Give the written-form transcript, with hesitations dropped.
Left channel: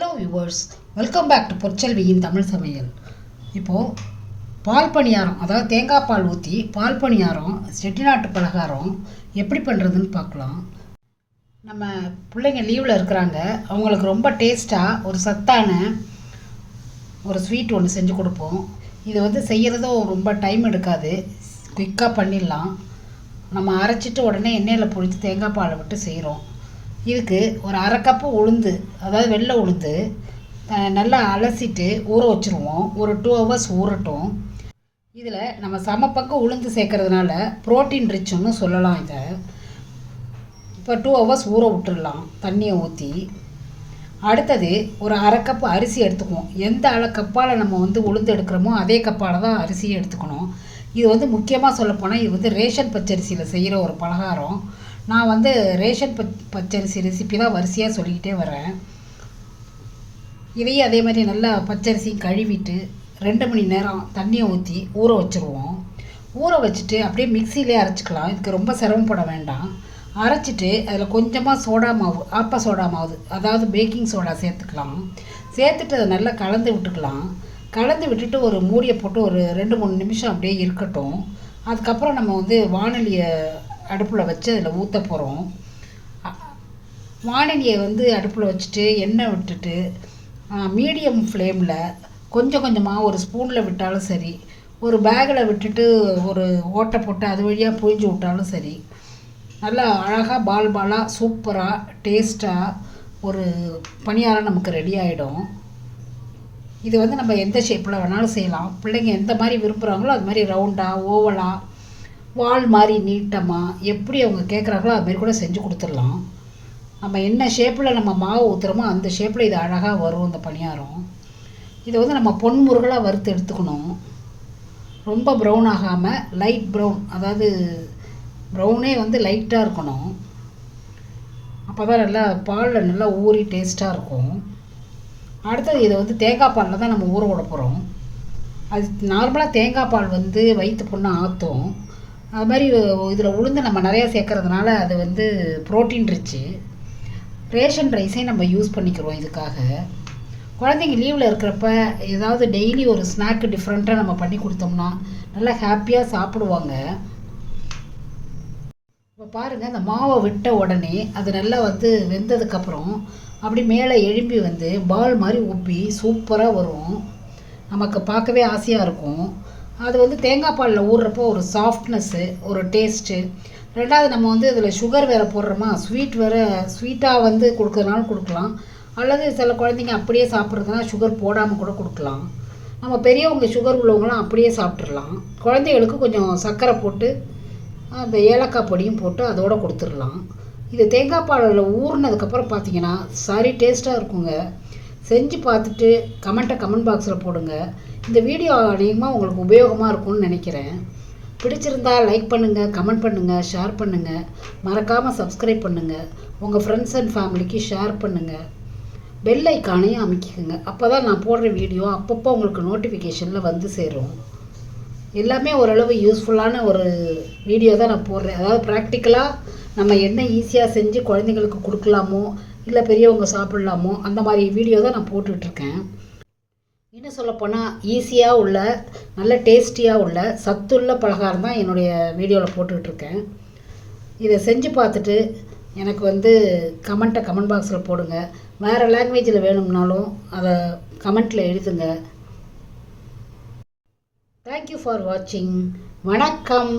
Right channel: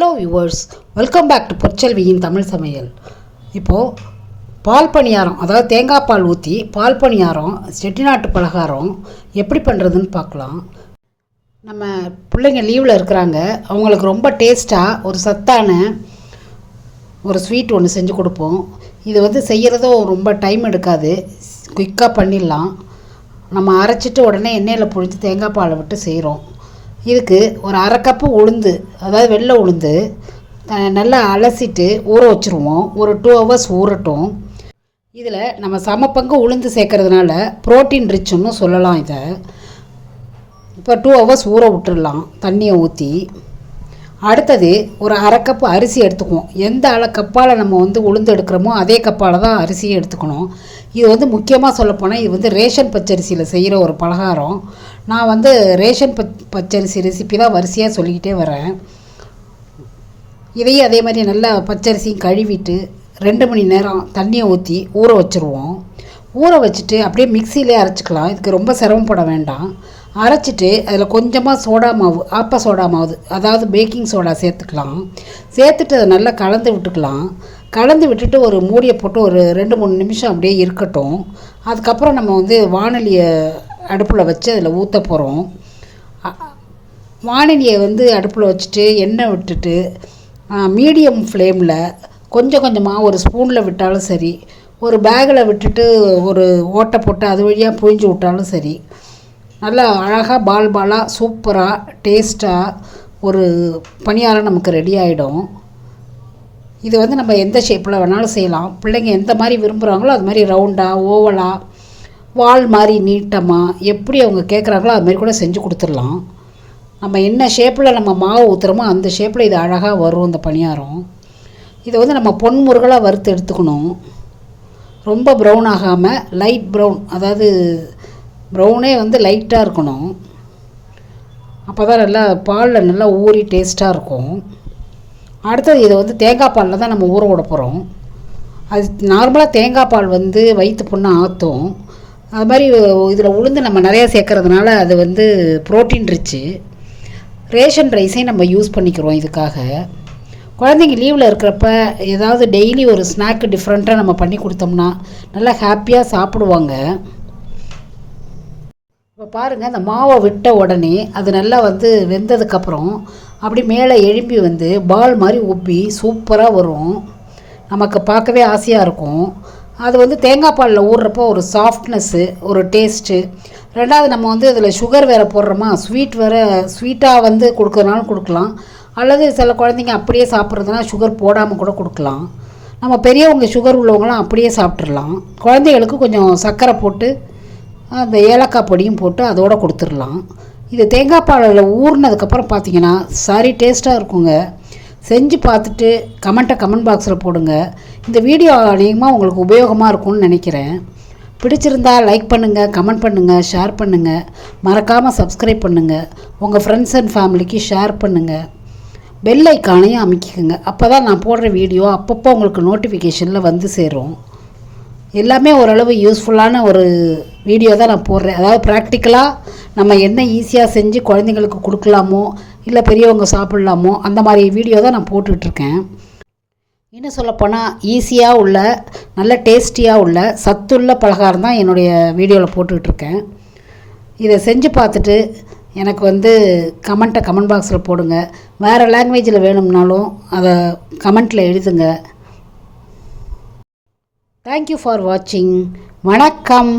Hello viewers, welcome back to பொற்செல்வியின் தமிழ் சமையல். இப்போது பால் பணியாரம், அதாவது தேங்காய் பால் ஊற்றி பால் பணியாரம், செட்டிநாட்டு பலகாரம் எப்படி பண்ணுறதுன்னு பார்க்கலாம். நம்ம பிள்ளைங்க லீவில் இருக்கிறாங்க, அவங்களுக்கு ரொம்ப டேஸ்ட்டாக ஒரு சத்தான ஒரு ஸ்வீட் ஒன்று செஞ்சு கொடுப்போம். இது செய்கிறதும் ரொம்ப டைம் எடுக்காது, குயிக்காக பண்ணிடலாம். நம்ம அரைச்சிட்டு உடனே எண்ணெயில் பொழித்து தேங்காய் பாலை விட்டு செய்கிறோம். இதுக்கு ஒரு அரை கப்பு உளுந்து, அதாவது வெள்ளை உளுந்து நல்லா அலசிட்டு ஊற வச்சுருவோம். ஒரு 2 hours ஊறட்டும். இதில் நம்ம சமப்பங்கு உளுந்து சேர்க்கறதுனால ப்ரோட்டீன் ரிச்சுன்னு சொல்லலாம். இதை இப்போ 2 hours ஊற விட்டுடலாம் தண்ணியை ஊற்றி. அடுத்தது ஒரு அரை கப்பு அரிசி எடுத்துக்குவோம். எந்த கப்பால் நம்ம உளுந்து எடுக்கிறோமோ அதே கப்பால் தான் அரிசியை எடுத்துக்கணும். இது முக்கியமாக சொல்லப்போனால் இது ரேஷன் பச்சரிசியில் செய்கிற ஒரு பலகாரம். நான் ரேஷன் பச்சரிசி ரெசிபி தான் வரிசையாக சொல்லிக்கிட்டே வரேன். இதையும் அதே மாதிரி நல்லா பச்சரிசியும் கழுவிட்டு 2 மணி நேரம் தண்ணியை ஊற்றி ஊற வச்சுருவோம். ஊற வச்சுட்டு அப்படியே மிக்சியிலே அரைச்சிக்கலாம். இதுக்கு ரொம்ப சிரமப்பட வேண்டாம். அரைச்சிட்டு அதில் கொஞ்சமாக சோடா மாவு, ஆப்ப சோடா மாவு, அதாவது பேக்கிங் சோடா சேர்த்துக்கலாம். சேர்த்துட்டு அதை நல்லா கலந்து விட்டுக்கலாம். கலந்து விட்டுட்டு ஒரு மூடியை போட்டு ஒரு 2-3 நிமிஷம் அப்படியே இருக்கட்டும். அதுக்கப்புறம் நம்ம வானலியை அடுப்பில் வச்சு அதில் ஊற்ற போகிறோம். வானலியை அடுப்பில் வச்சுட்டு எண்ணெய் விட்டுட்டு மீடியம் ஃப்ளேமில் கொஞ்சம் கொஞ்சமாக ஒரு ஸ்பூனில் விட்டாலும் சரி, ஒரு பேக்கில் விட்டுட்டு ஒரு ஓட்டை போட்டு அது வழியாக புழிஞ்சு விட்டாலும் சரி, நல்லா அழகாக பாலாக சூப்பராக டேஸ்ட்டாக ஒரு பணியாரம் நமக்கு ரெடி ஆகிடும். இது நம்ம எந்த ஷேப்பில் வேணாலும் செய்யலாம். பிள்ளைங்க எந்த மாதிரி விரும்புகிறாங்களோ அது மாதிரி ரவுண்டாக, ஓவலாக, வால் மாதிரி நீட்டமாக எப்படி அவங்க கேட்குறாங்களோ அது மாதிரி கூட செஞ்சு கொடுத்துடலாம். நம்ம என்ன ஷேப்பில் நம்ம மாவு ஊற்றுறோமோ அந்த ஷேப்பில் இது அழகாக வரும் இந்த பணியாரம். இதை நம்ம பொன்முருகலாக வறுத்து எடுத்துக்கணும். ரொம்ப ப்ரௌன் ஆகாமல் லைட் ப்ரௌன், அதாவது ப்ரௌனே லைட்டாக இருக்கணும். அப்போ தான் நல்லா பாலில் நல்லா ஊறி டேஸ்ட்டாக இருக்கும். அடுத்தது இதை தேங்காய் பாலில் தான் நம்ம ஊற விட போகிறோம். அது நார்மலாக தேங்காய் பால் வயிற்று புண்ணை ஆற்றும். அது மாதிரி இதில் உளுந்து நம்ம நிறையா சேர்க்கறதுனால அது ப்ரோட்டீன் ரிச்சு. ரேஷன் ரைஸையும் நம்ம யூஸ் பண்ணிக்கிறோம் இதுக்காக. குழந்தைங்க லீவில் இருக்கிறப்ப ஏதாவது டெய்லி ஒரு ஸ்நாக்கு டிஃப்ரெண்ட்டாக நம்ம பண்ணி கொடுத்தோம்னா நல்லா ஹாப்பியாக சாப்பிடுவாங்க. இப்போ பாருங்கள், அந்த மாவை விட்ட உடனே அது நல்லா வெந்ததுக்கப்புறம் அப்படி மேலே எழும்பி பால் மாதிரி உப்பி சூப்பராக வரும். நமக்கு பார்க்கவே ஆசையாக இருக்கும். அது தேங்காய் பாலில் ஊறுறப்போ ஒரு சாஃப்ட்னஸ்ஸு, ஒரு டேஸ்ட்டு. ரெண்டாவது நம்ம அதில் சுகர் வேறு போடுறோமா, ஸ்வீட்டாக கொடுக்குறதுனாலும் கொடுக்கலாம். அல்லது சில குழந்தைங்க அப்படியே சாப்பிட்றதுனா சுகர் போடாமல் கூட கொடுக்கலாம். நம்ம பெரியவங்க சுகர் உள்ளவங்களாம் அப்படியே சாப்பிட்றலாம். குழந்தைகளுக்கு கொஞ்சம் சர்க்கரை போட்டு அந்த ஏலக்காய் பொடியும் போட்டு அதோடு கொடுத்துடலாம். இது தேங்காய் பாலில் ஊறினதுக்கப்புறம் பார்த்திங்கன்னா சரி டேஸ்ட்டாக இருக்குங்க. செஞ்சு பார்த்துட்டு கமெண்ட் பாக்ஸில் போடுங்க. இந்த வீடியோ அதிகமாக உங்களுக்கு உபயோகமாக இருக்கும்னு நினைக்கிறேன். பிடிச்சிருந்தால் லைக் பண்ணுங்கள், கமெண்ட் பண்ணுங்கள், ஷேர் பண்ணுங்கள். மறக்காமல் சப்ஸ்கிரைப் பண்ணுங்கள். உங்கள் ஃப்ரெண்ட்ஸ் அண்ட் ஃபேமிலிக்கு ஷேர் பண்ணுங்கள். பெல் ஐக்கானையும் அமைக்கிக்கோங்க. அப்போ தான் நான் போடுற வீடியோ அப்பப்போ உங்களுக்கு நோட்டிஃபிகேஷனில் சேரும். எல்லாமே ஓரளவு யூஸ்ஃபுல்லான ஒரு வீடியோ தான் நான் போடுறேன். அதாவது ப்ராக்டிக்கலாக நம்ம என்ன ஈஸியாக செஞ்சு குழந்தைங்களுக்கு கொடுக்கலாமோ இல்லை பெரியவங்க சாப்பிட்லாமோ அந்த மாதிரி வீடியோ தான் நான் போட்டுட்ருக்கேன். இன்னும் சொல்லப்போனால் ஈஸியாக உள்ள, நல்ல டேஸ்டியாக உள்ள, சத்துள்ள பலகாரம் தான் என்னுடைய வீடியோவில் போட்டுட்ருக்கேன். இதை செஞ்சு பார்த்துட்டு எனக்கு கமெண்ட் பாக்ஸில் போடுங்க. வேறு லாங்குவேஜில் வேணும்னாலும் அதை கமெண்ட்டில் எழுதுங்க. தேங்க்யூ ஃபார் வாட்சிங். வணக்கம்.